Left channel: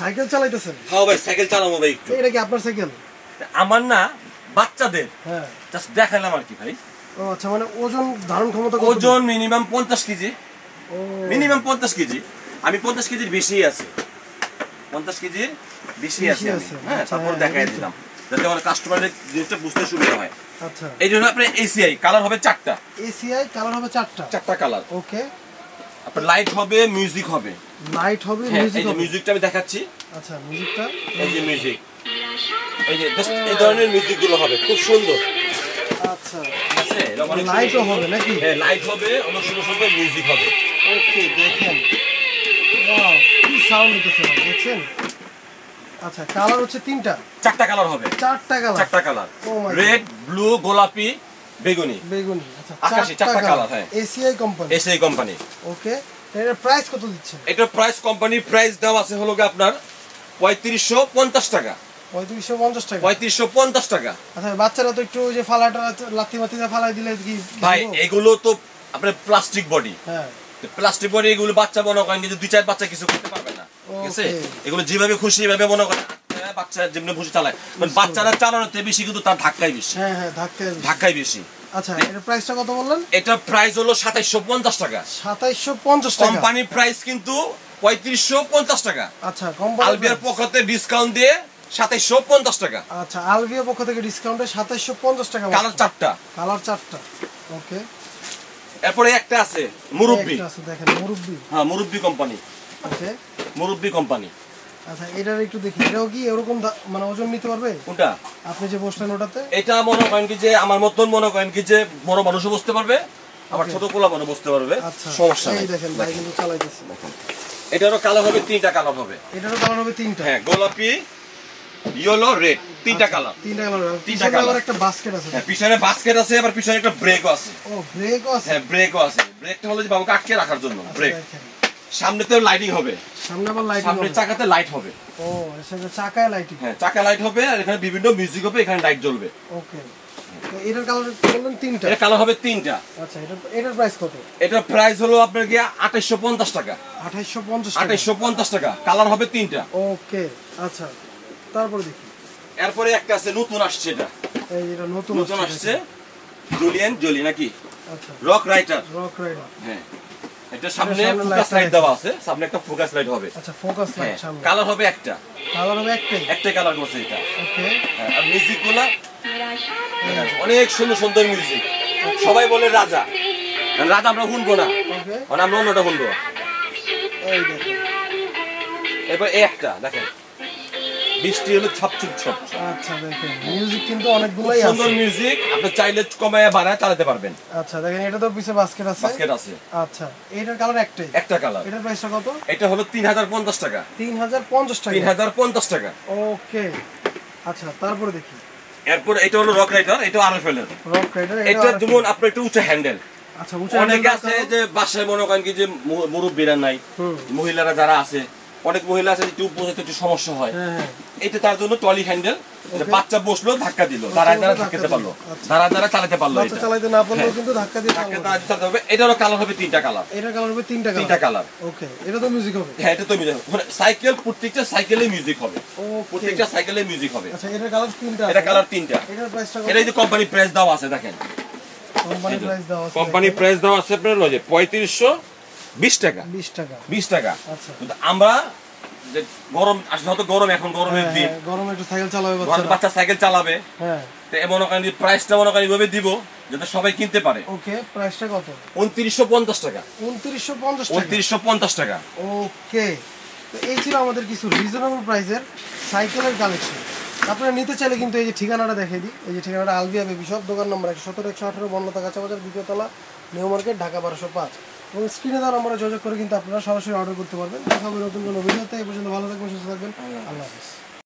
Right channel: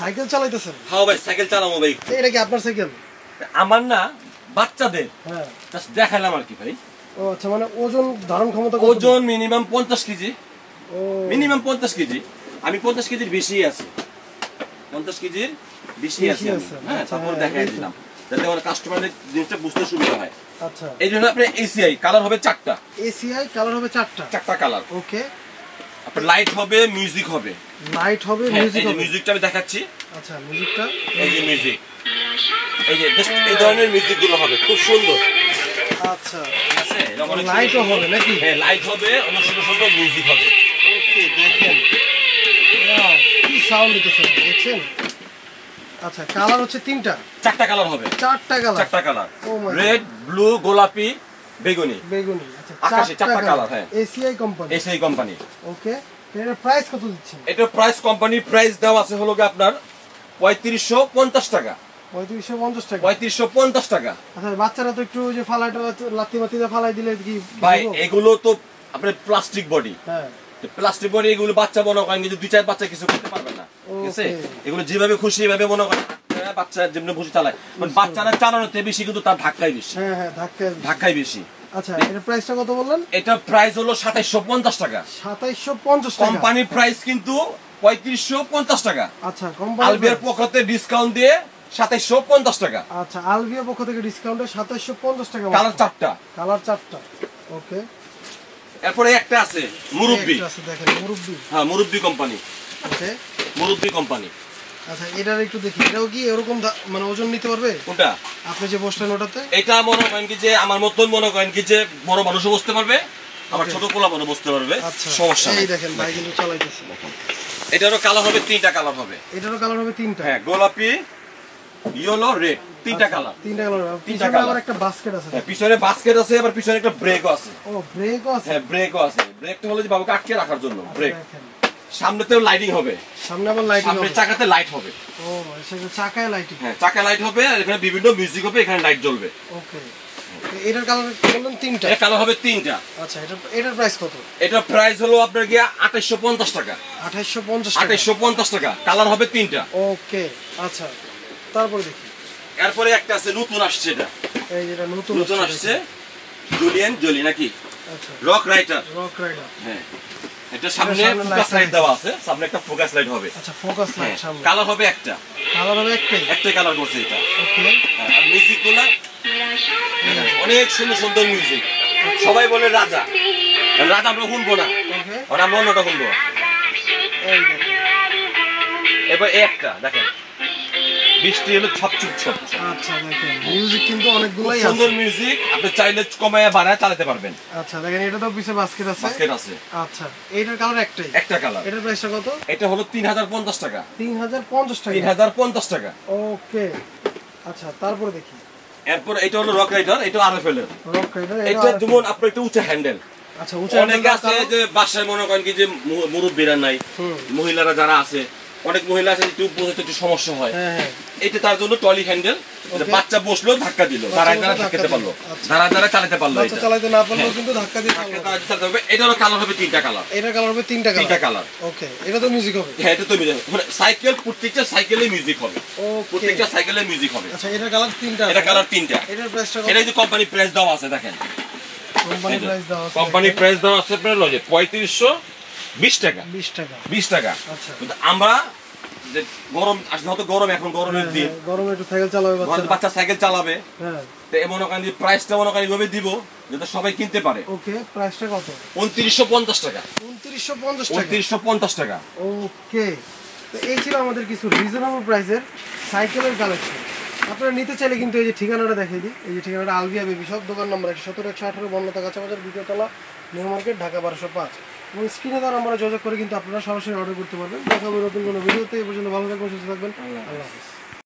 Cycle চালাইতেছেন? হ্যাঁ ভাই cycle চালাবো ভাই। এটা কি আপনার সাইকেল? আমার না, বাচ্চাদের। হ্যাঁ জাস্ট দেখালাম আর কি ভাই। ও আচ্ছা, মানে ওজন ধারণ ক্ষমতা কত? ওজন মিনিমাম 50 কেজি। ও মিনিমাম 50 কেজি। আমি 50 কেজির বেশি আছি, 50 কেজির বেশি আছি আমি। হ্যাঁ, তারপর দেখাই দিলাম যাতে আমার কাস্টমারের জিনিসটা বুঝতে সুবিধা হয়। আচ্ছা, এই জন্য আপনার এসিআই কালার হবে 4টা। এসিআই কালার হবে 4টা কালার। ওকে। আপনার লাইট হবে, মিউজিক হবে। লাইট হবে, হ্যাঁ, মিউজিক এই যে হবে। মিউজিকটা আমি দেখাচ্ছি। আচ্ছা, মিউজিকটা এই যে মিউজিক, এই যে জাস্ট এই ধরনের মিউজিক গুলো হবে, খুব সুন্দর। আচ্ছা, ঠিক আছে, লাইটও হবে নাকি? হ্যাঁ, লাইট হবে, অনেক সুন্দর সুন্দর মিউজিক হবে। ওকে, দেখেন ওয়াও, কি সাউন্ড দিতেছে দেখছেন? আচ্ছা, কালার হচ্ছে 4টা কালার হবে। 4টা কালার, রেড, ব্লু, গোলাপি, বেগুনি। আচ্ছা, আকাশি, 4টা কালার। হ্যাঁ, এসিআই কোম্পানি। ওকে, এর প্রাইস কত দিচ্ছেন? এটা প্রাইস, কোম্পানির প্রাইস দেওয়া আছে হলো আপনার 3550 টাকা। 3550 টাকা। 3550 টাকা। আচ্ছা, বাচ্চারা তো একটু যে ফালাটা লাথি বাতিতে ফালাই দিলে কি ভাই, এগুলো তো আপনার প্লাস্টিক বডি। হ্যাঁ, প্লাস্টিক বডি, এগুলো বাচ্চা মনে করেন যে 2-4 বাচ্চা কিছু করতে পারবে না। ঠিক আছে, এগুলো যেভাবে খুশি এভাবে মনে করেন বাচ্চা যেমনি খুশি চালায়, মানে বাচ্চারা চালানোতে বেশি, কিন্তু তার ধাক্কাই বেশি। হ্যাঁ হ্যাঁ, ধাক্কাই বেশি। আচ্ছা, এর প্রাইসটা কত বললেন? এটা প্রাইস হলো 2750 টাকা। 2750 টাকা। কোম্পানি প্রাইস কিন্তু 3550 টাকা। আচ্ছা, আলবিয়ার পক্ষতে ডিসকাউন্ট দিয়ে 2750 টাকা। আচ্ছা, আলবিয়ার পক্ষ থেকে ডিসকাউন্টে 2750 টাকা। কালার 4টা। ওকে। এরপরে একটা আছে মুরব্বি। দেখেন, মুরব্বি। হ্যাঁ, মুরব্বি কোম্পানি। ওকে, মুরব্বি কোম্পানি। আচ্ছা, এটার একটু দেখি, এটাও কি এরকম মানে ওজন নিতে পারবে? কোনটা? আপনি যে বসলেন ওটাতে? এটা মনে করেন কি যে আমার মতন মনে করেন কি যে বড় মানুষও বসতে পারবে, আবার ছোট পোলা মানুষ বসতে পারবে, সমস্যা নেই। এই দেখেন ভাই কিন্তু চালাইতেছে। এটারও কালার হবে 3টা কালার হবে। এটারও কালার হবে 3টা। হ্যাঁ, গোলাপি, ইয়েলো, রেড, 3টা কালার। 3টা কালার। একটা বাস্কেট আছে। হ্যাঁ, পিছনে বাস্কেট আছে, আবার পিছনে একটা ব্রেকও আছে। ও, ব্রেকও আছে? হ্যাঁ, ব্রেকও আছে। ব্রেকটা হলো যে বাবুকে আটকে রাখার জন্য ব্রেক। সামনেতেও লাইটিং হবে, সামনে আবার লাইট, সামনে চাকাতে লাইট হবে। ও, সেটা চাকায় লাইটিং। হ্যাঁ, চাকা লাইট হবে, আর এখানে বিভিন্ন মিউজিক হবে, এখানে লাইট জ্বলবে। ওকে, এটার কালার বললেন 3টা? এটা কালার হবে 3টা। আচ্ছা, এটার প্রাইস কত? এটার প্রাইস হলো আপনার কি 2850 টাকা। 2850 টাকা। কালার হবে 3টা। ওকে, আচ্ছা, তারপরে দেখি। এরপরে একটা আছে, নতুন আসছে, এটা এই যেটা নতুন আসছে, জুলিয়ান নাকি? আচ্ছা, রক রাইডার। হ্যাঁ, এটা সামনে ফোকাস লাইট দেওয়া আছে, সামনে একটা ফোকাস লাইট হবে। আচ্ছা, ফোকাস লাইট সামনে। কালার হবে একটা। একটাই কালার করছে এটা। ওকে, আর মিউজিকগুলো অনেক সুন্দর সুন্দর মিউজিক। সবাই বলে রাজা আমরা শুনবো না, আমরা অন্যটা শুনবো। এই দেখেন, এবার একটা দেখেন, বৃষ্টি হলো ছাপছুপ ছপ। আচ্ছা, দেখেন মিউজিক কিন্তু অনেকগুলাই আছে, সুন্দর মিউজিক। আপনি চাইলে কমায়া বাড়ায় চালাতে পারবেন। আচ্ছা, দেখেন এটা তো পিছে বাস্কেট আছে। আচ্ছা, এটার কালার একটা কালার। এটার প্রাইসটা কত? এটা হলো 3050 টাকা। 3050 টাকা। ওকে, আচ্ছা, তারপরে দেখি। এরপর এটা হলো রক রাইডার, এটা আরএফএল এর। এটা যেমন আপনার একটু উঁচু হ্যান্ডেল। আচ্ছা, অনেকে আছে যে বাসায় মনে করেন কি যে মুরব্বীরা নাই, মহিলারা যারা আছে, অনেক মহিলা আছে একটু বোঝাতে একটু সমস্যা হয়। এটা তার জন্য টলি হ্যান্ডেল, বাচ্চা বসলো ধাক্কা দিল, দাঁড়ায় ধাক্কাতে পারলো, দাঁড়ায় চালাতে পারলো। এটা চালাতে না পারলেও কিন্তু ধাক্কা দিয়ে চালাতে হবে। এটারও কালার হবে 3টা কালার। এটার কালার হবে 3টা কালার। ওকে, এটা তো মিউজিক হবে। হ্যাঁ, এটা তো মিউজিক হবে, মানে সাইকেল, প্রত্যেকটা সাইকেলে মিউজিক হবে। প্রত্যেকটা সাইকেলে মিউজিক হবে। আচ্ছা, এটার কালার 3টা। এটা কালার 3টা। এটার প্রাইসটা কত? এটা যে কোম্পানি প্রাইস দেওয়া আছে, দেখেন কোম্পানি প্রাইস দেওয়া আছে আপনার 3520 টাকা। 20 টাকা। আচ্ছা, আমরা যে গরম আসলে, হয়তো গরম, এখন গরমের দিন, গরমে একটু সাইকেল চালাবে বাচ্চা, সাইকেল চালাবে। হ্যাঁ, তো মনে করেন প্রাইসটা মনে করেন এইভাবে দিব যাতে সবাই কিনতে পারে। ওকে, প্রাইসটা কত? 2950 টাকা। 2950 টাকা। ওকে, তো এই ছিল আমাদের কিছু রিজনেবল প্রাইসের সাইকেলের কালেকশন। আপনারা নিতে চাইলে কিন্তু এই যে ঠিকানাটা দেখিয়ে দিই। এই যে ঠিকানাটা আলবিয়া বেবি শপ, দোকান নম্বর 117-118 বনলতা কাঁচাবাজার, দ্বিতীয় তলা, নিউ মার্কেট, ঢাকা 1205। এবং স্ক্রিনে দেওয়া নম্বরে যোগাযোগ করে কিন্তু আপনারা সরাসরি অর্ডার করতে পারবেন। দেখা হবে নতুন কোনো ভিডিওতে। এই পর্যন্ত ভালো থাকবেন, সুস্থ থাকবেন। আল্লাহ হাফেজ।